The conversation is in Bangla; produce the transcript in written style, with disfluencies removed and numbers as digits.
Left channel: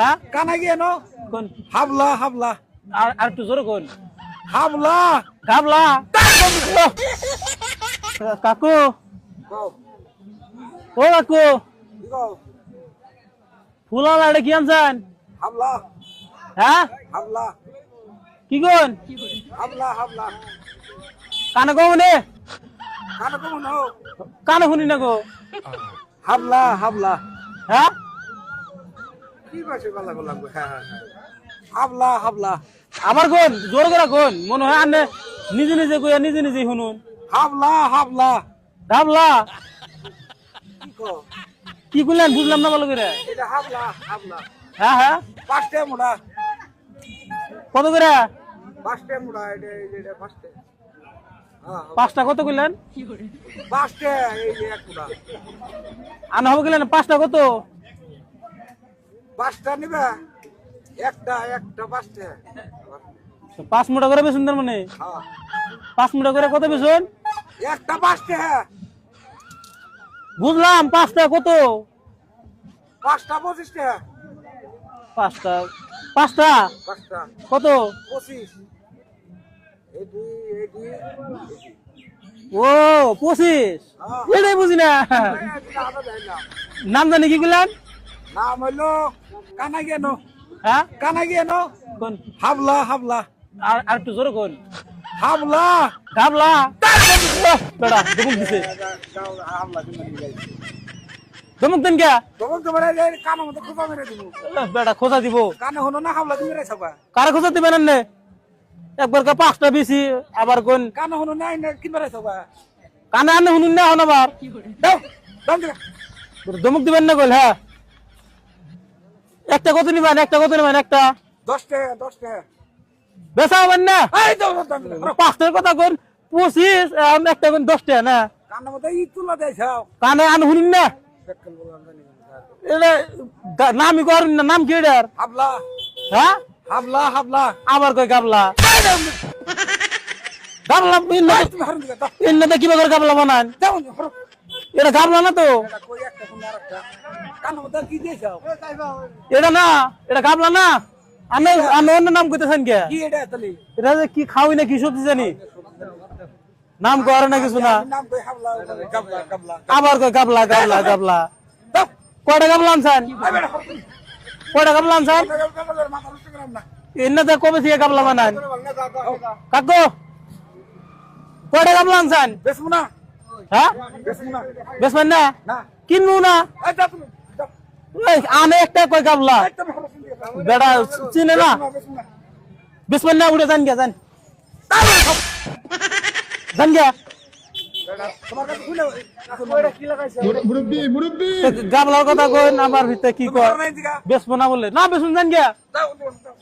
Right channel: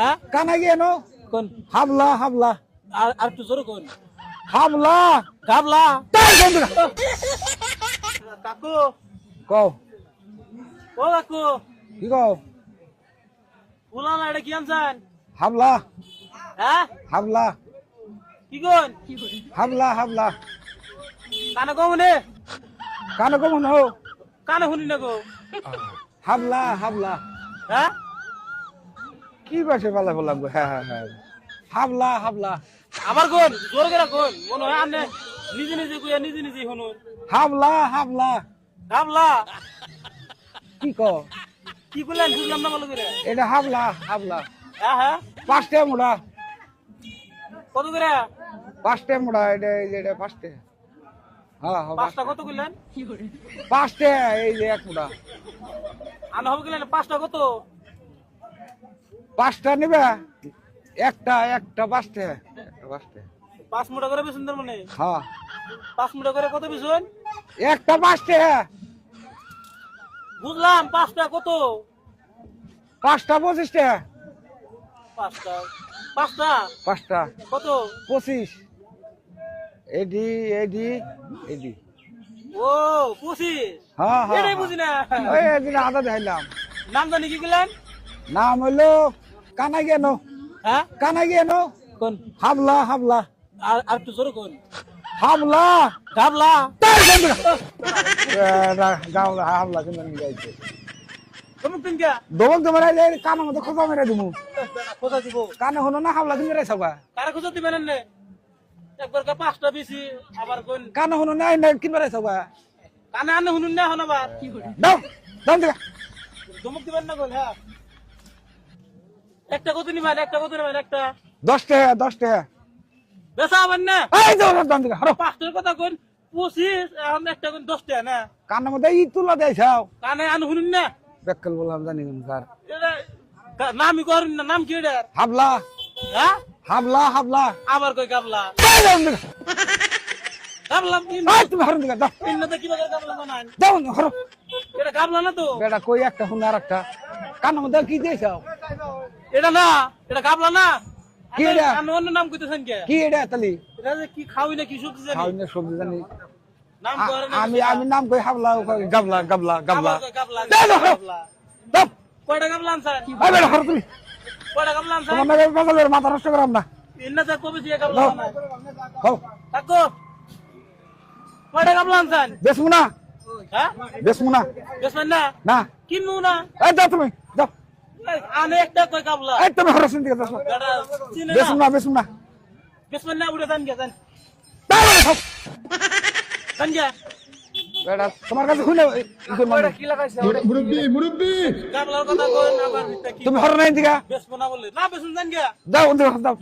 হ্যাঁ কানা গিয়ে নো কোন হাবলা হাবলা আর একটু জোরে কোন হাবলা গাবলা কাকু কও ও কাকু কি কও ফুলা লাড়ে কি আনছেন হাবলা হ্যাঁ হাবলা কি কোন হাবলা হাবলা কানে কো মনে কানা কম নো কানে শুনি না গো হাবলা হাবলা হ্যাঁ কি ভাষা বলা বললাম হ্যাঁ হ্যাঁ হ্যাঁ হাবলা হাবলা আবার কোন জোরে করে কোন মনে হয় আনে নিজে নিজে কইয়া নিজে নিজে শুনুন হাবলা হাবলা গাবলা কি কও কি কইলেন বুঝলাম না ভালো করে এটা হাবলা হাবলা হ্যাঁ হ্যাঁ পাঁচটা মুড়া কত করে পাঁচটা মুড়া এটা পাঁচটা হ্যাঁ হ্যাঁ, পাঁচটা কত কইলেন পাঁচটা এই যে এক মুড়া আনা হবে কইলেন পাঁচটা কত পাঁচটা নিবে একটা একটা পাঁচটা পাঁচটা 5 মুঠা করে বেচুন তার মানে হ্যাঁ 5 মুঠা করে কত বেচুন একটা পাঁচটা বুঝলাম পাঁচটা কত পাঁচটা 25 টাকা পাঁচটা পাঁচটা পাঁচটা কত 25 এডি এডি এডি ও 25 হ্যাঁ এটাই বুঝি না ওই একদিন আদা দেখাইলাম নাম জানি কি কইলেন নাম হইলো কানা গেন হ্যাঁ কানা গেন কোন হাবলা হাবলা আর একটু জোরে কোন হাবলা গাবলা গাওলা হাবলা কেমন যাইছে দমক দেন কে দোল দেবার কানা মধ্যে খোঁজা মেরে দিমু বেটা খোঁজা দিব কানে হনো না হাবলা তুমি রে সবা কারে খোঁজা দিবেন আন্নে একবার কা পাঁচটা বেশি আবার কোন কানে হনো নাই না কি মেরে সবা কানে আন্নে শুনুন না হন আবার দাও দাও দেখা দমক দিবেন না কইল হ্যাঁ একটা কত নিবেন একটা কত নিবেন একটা 10 টাকা 10 টাকা বেচা হবেন না এই দাও দাও দেখা আরে পাঁচটার কথা কোন 25 একটা কোন 10 টাকা না কানে মধ্যে ই তুলা দেখাও কানে আন শুনুন না বেকল বললাম জানি না স্যার এটা নামই করেন না নাম কি এটার হাবলা হ্যাঁ হাবলা হাবলা আবার কই গাবলা গাবলা তুমি হরন দেখা দাও ইন্না কিবা করে গাবলা বানান দাও হরো এটা গাবলা না তো এটা কই একটা শুন আর একটা কানে মধ্যে কি দেখাও এটা না এটা গাবলা না আমি এটা? আমি অন্য নাম কইতেছেন কে কি এটা তালি এটা যে কি খাওয়াই না কি সবজি জানি আমি সবজি জানি নাম করে না কিছু না আমি নাম কই হাবলা গাবলা গাবলা আবার কই গাবলা গাবলা গাবলা দাও কয়টা গাবলা আনছেন আবে হরো তুমি কয়টা গাবলা আনছেন আমাদের বাগালের মাথা নষ্ট করাম না ইন্না তো কবে থেকে গাবলা বানান হও কাকু কয়টা গাবলা আনছেন বেসমু না হ্যাঁ বেসমু না বেসবেন না না কিনবো না এই যাও তুমি যাও এই, আনে একটা কই গাবলা এই তুমি হরো শুন দিকে যাও বেটা চিনে না বেসমু না বেসবেন না উড়ে যান গে যান যান গে বেটা তোমার কাছে শুনে ওইটা কি লাগাইছে মুরব্বি মুরব্বি গাবলার কথা কই আবার ভিতরে কি তুমি হরো নাই দিকে বেসবো না বললে না বেসুন যান গে যাও যাও